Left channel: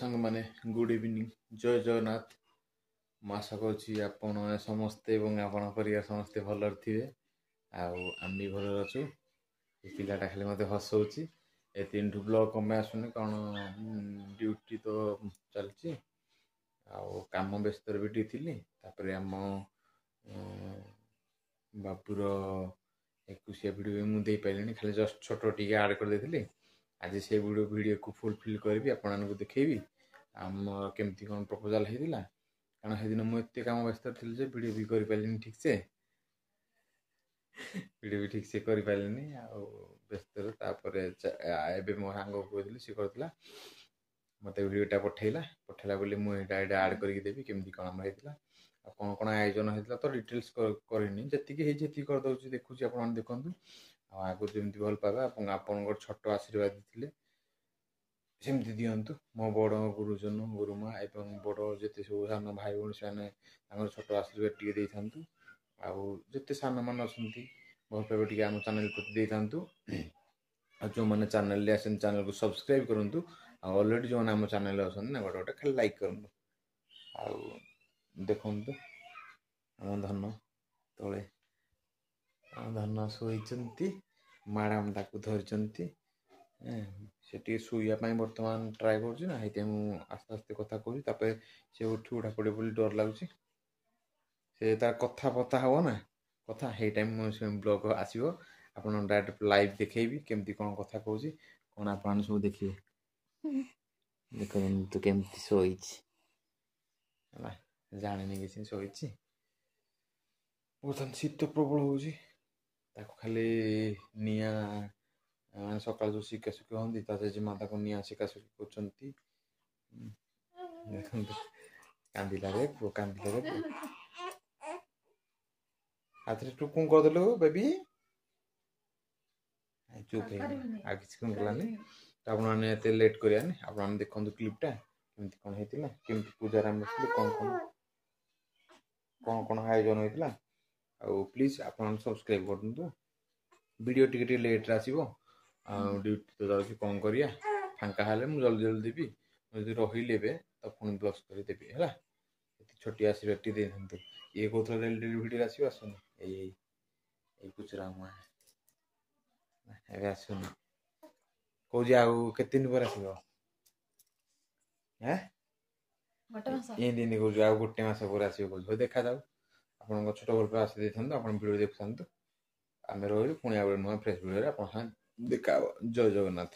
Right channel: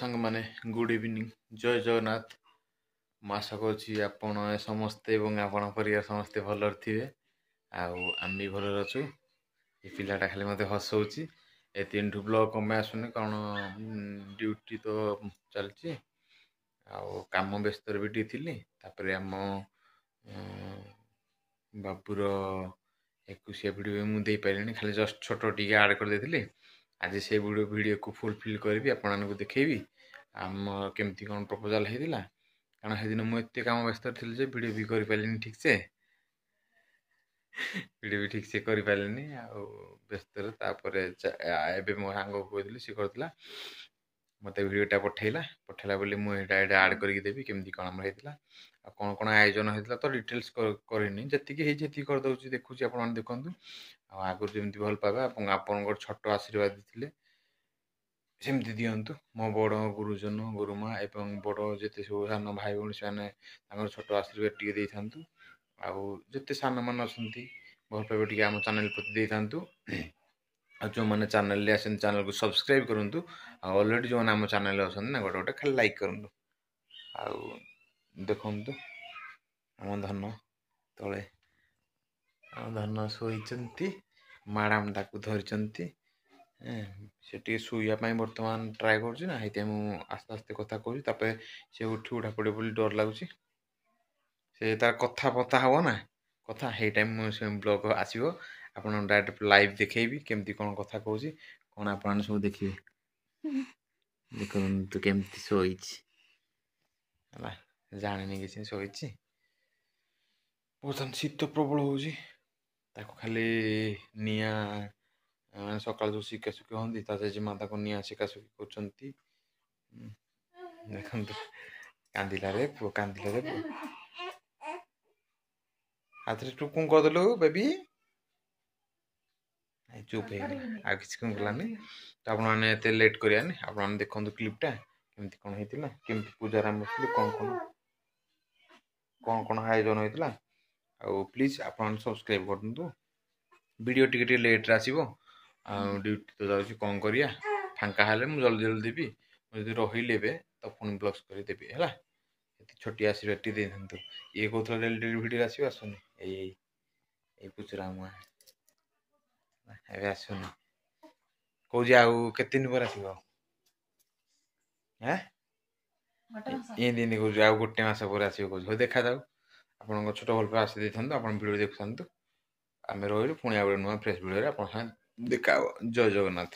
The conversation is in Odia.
सांग माने गुड इवनिंग जय जगन्नाथ। ମୁଁ ଆଶା କରୁଛି ଆପଣ ସମସ୍ତେ ଏବଂ ଆପଣଙ୍କ ପରିବାର ସମସ୍ତେ ଭଲରେ ଥିବେ ଆଉ ଆମେ ବି ଭଲରେ ଅଛୁ। ଏ ପିଲାଟା ଖାଲି ମୋତେ ହସଉଛି। ଏ ତିନିଠୁ ବ୍ଲଗ୍ କଣ ପାଇଁ ଆସୁନି କାରଣ ଡ୍ୟୁଟି ତ ଚାଲିଛି ଆଉ କାମ ବ୍ୟସ୍ତରେ ବି ଟିକେ ଥିଲି। ତାପରେ ଆମ ବାବୁର 21 ଭିଡ଼ିଓ ମୁଁ ଦେଇପାରିଲିନି, ଖାଲି ଜଷ୍ଟ ଛୋଟ ଟିକେ ଆଡ଼୍ କରିଦେଇଥିଲି। ଆଜି ସେ ଭିଡ଼ିଓକୁ ଫୁଲଫିଲ୍ କରିବି, ଆପଣମାନଙ୍କୁ ଦେଖେଇବି ଆମର କେମିତି କ'ଣ ପ୍ରପୋଜାଲ୍ ହେଇଥିଲା। କାରଣ ସେଦିନ ମୁଁ ଏତେ କାମ ବ୍ୟସ୍ତରେ ଥିଲି ଯେ ଭିଡ଼ିଓ ବି କରିପାରିଲିନି ଠିକ୍ସେ କରିପାରିଲିନି ଆଉ ବ୍ୟସ୍ତରେ। ତାପରେ ଏବେ ମୋ ସାଙ୍ଗକୁ କହିଥିଲି, ସେ କରିଥିଲା ମୋତେ ଭିଡ଼ିଓଟା ପଠେଇଲା ବୋଲି ମୁଁ ଏଇଟା ଆଡ଼୍ କରିକି ଦେବି କେମିତି କ'ଣ ଆମର ହେଇଥିଲା ଆଉ କ'ଣ ଆୟୋଜନ ହେଇଥିଲା। ତ ଡିଟେଲ୍ସ କରିନି, ଯେତିକି ହେଇଛି ସେତିକି କରିଦେଉଛି, ଦେଖୁଛି ଆପଣମାନେ ଦେଖନ୍ତୁ। ଆଉ ଆଗରୁ ଯେମିତି ଭଲ ପାଇବା ଏବଂ ଆପଣଙ୍କର ଛୋଟ ଆଶୀର୍ବାଦ ଥିଲେ ସେମିତି ଦିଅନ୍ତୁ। ମୋ ବଡ଼ ଗୁରୁଜନ ଗୁରୁମା ଏବଂ ବଡ଼ ଯେତେ ସବୁ ସାନ ଭାଇ ଭଉଣୀ ସେମାନେ ତାଙ୍କର ଛୋଟ ଆଶୀର୍ବାଦ ଟିକେ ଦେଇଥାନ୍ତୁ। ଆଉ ଯେତେ ସାନମାନେ ଅଛନ୍ତି ଭଲ ପାଇବା ଟିକେ ଆମ ଚ୍ୟାନେଲ୍ ପ୍ରତି ଦେଇଥାନ୍ତୁ। ଆଉ ଯେଉଁମାନେ ଚ୍ୟାନେଲ୍ରେ ଆସନ୍ତି ଚ୍ୟାନେଲ୍କୁ ସବସ୍କ୍ରାଇବ୍ କରନ୍ତୁ। ଆଉ ଅଲରେଡ଼ି ଯେଉଁମାନେ ଆମ ଚ୍ୟାନେଲ୍ରେ ଅଛନ୍ତି ନା ଗୋଟେ ଖାଲି ଲାଇକ୍ କରନ୍ତୁ। ଆଉ ଦେଖନ୍ତୁ ଆମ ଧନ ତଳେ ଆମ ଧନ ଶୋଇଛନ୍ତି, ମ୍ୟାଡ଼ାମ୍ ତାକୁ ଧରିଛନ୍ତି। ସେ ଟିକେ ଶୋଇବା ପାଇଁ ବର୍ତ୍ତମାନ ଟ୍ରାଏ କରୁଛି ନା, ସେଇଥିପାଇଁ ମୁଁ ଆସ୍ତେ ଆସ୍ତେ କଥା କହୁଛି। ତାପରେ ସେ ଉଠି ଉଠା ପଡ଼ିବ ବୋଲି ଡର ଲାଗୁଛି। ସେ ତାର କଥା ହେବ ନା, ସେଇ ଟାଇମ୍ ସେ ବ୍ଲଗ୍ ଆସିବ, ଆପଣ ଡାଇରେକ୍ଟ ଲାଇଭ୍ ଦେଖେଇବି କେମିତି କ'ଣ କଥା କହୁଛି, କ'ଣ ଆପଣମାନେ ସବୁ ଦେଖିବେ। ଦେଖନ୍ତୁ କେମିତି ଶୋଇଛି ହେଲା, ଜାଣିନି କିଛି ଶୋଇଛି। ବର୍ତ୍ତମାନ ଶୀତ ପ୍ରବଳ ହେଉଛି, ତାକୁ ଖାଲି ନିଆଁ ମାନେ ସକାଳୁ ଯେଉଁ ଶିକାଶିକି ହୁଅନ୍ତି ତା ଜେଜେମା ତାକୁ ନିଆଁ ଶିକାଶିକି କରୁଛନ୍ତି। ଦେଖନ୍ତୁ କାନ୍ଦିଲାରେ ପୁଅ, କାନ୍ଦିଲାରେ ପୁଅ। ହାତରେ ତୁ କ'ଣ କରିଦେଲୁ ବେବି? ଚୁପ୍ ହେଇଗଲା, ଆଉ କିଛି କ'ଣ କଲାନି। ତ ଆପଣମାନେ ଏତେ ଲେଟ୍ କରିବାନି, ଆପଣମାନେ ଦେଖନ୍ତୁ କ୍ଲିପ୍ଟା କେମିତି କ'ଣ ହେଇଥିଲା, କେମିତି ପୂଜାରେ ଆମେ ବସିଥିଲେ, କ'ଣ ଆୟୋଜନ ହେଇଥିଲା। ଆଉ ପ୍ଲିଜ୍ ଆପଣମାନେ ସବସ୍କ୍ରାଇବ୍ କରନ୍ତୁ। ଭିଡ଼ିଓ ଟିକେ ଲେଟ୍ରେ ଆସିବ, ଆଉ ଡ୍ୟୁଟି ତ ଯାଉଛି, କ'ଣ କରିବା। ଫାଙ୍କା ହେଲେ ମୁଁ ଜଲ୍ଦି ଦେବି, ଯଦି ରହିଲି ଏବେ ତ ପୁଣି ବ୍ଲଗ୍ସ କରି ଦେବି ହେଲା। ଏତେ ଛୋଟିଆ ଆଶୀର୍ବାଦ ଟିକେ ଦେଇଥାନ୍ତୁ। ଇଏ କହୁଥିଲା ଡେଲି ଭିଡ଼ିଓରେ ଆସିବ, ଆସୁନି। ଏଇ ପୁଚୁରା ମୁଆଁ ଏବେ ଆସୁନି, କହୁଛି ଆଉ କେତେ ଦିନ ପରେ ଆସିବ। ଏମିତି କହୁଛି ଆଉ 1 ମାସ ପରେ ଆସିବ କହୁଛି। ହଉ ଦେଖାଯାଉ, ଆପଣଙ୍କ ଛୋଟ ଭଲ ପାଇବା ଆସି ଦେଇଥାନ୍ତୁ, ଆପଣ ଭିଡ଼ିଓ ଦେଖୁଥାନ୍ତୁ। ଆମେ ରହିଲୁ, ପୁଣି ଆଉ ଗୋଟେ ନୂଆ ଫ୍ରେଶ୍ ଭିଡ଼ିଓରେ ଆପଣଙ୍କ ସାଙ୍ଗେ ଦେଖା ହେବ। ଜୟ ଜଗନ୍ନାଥ।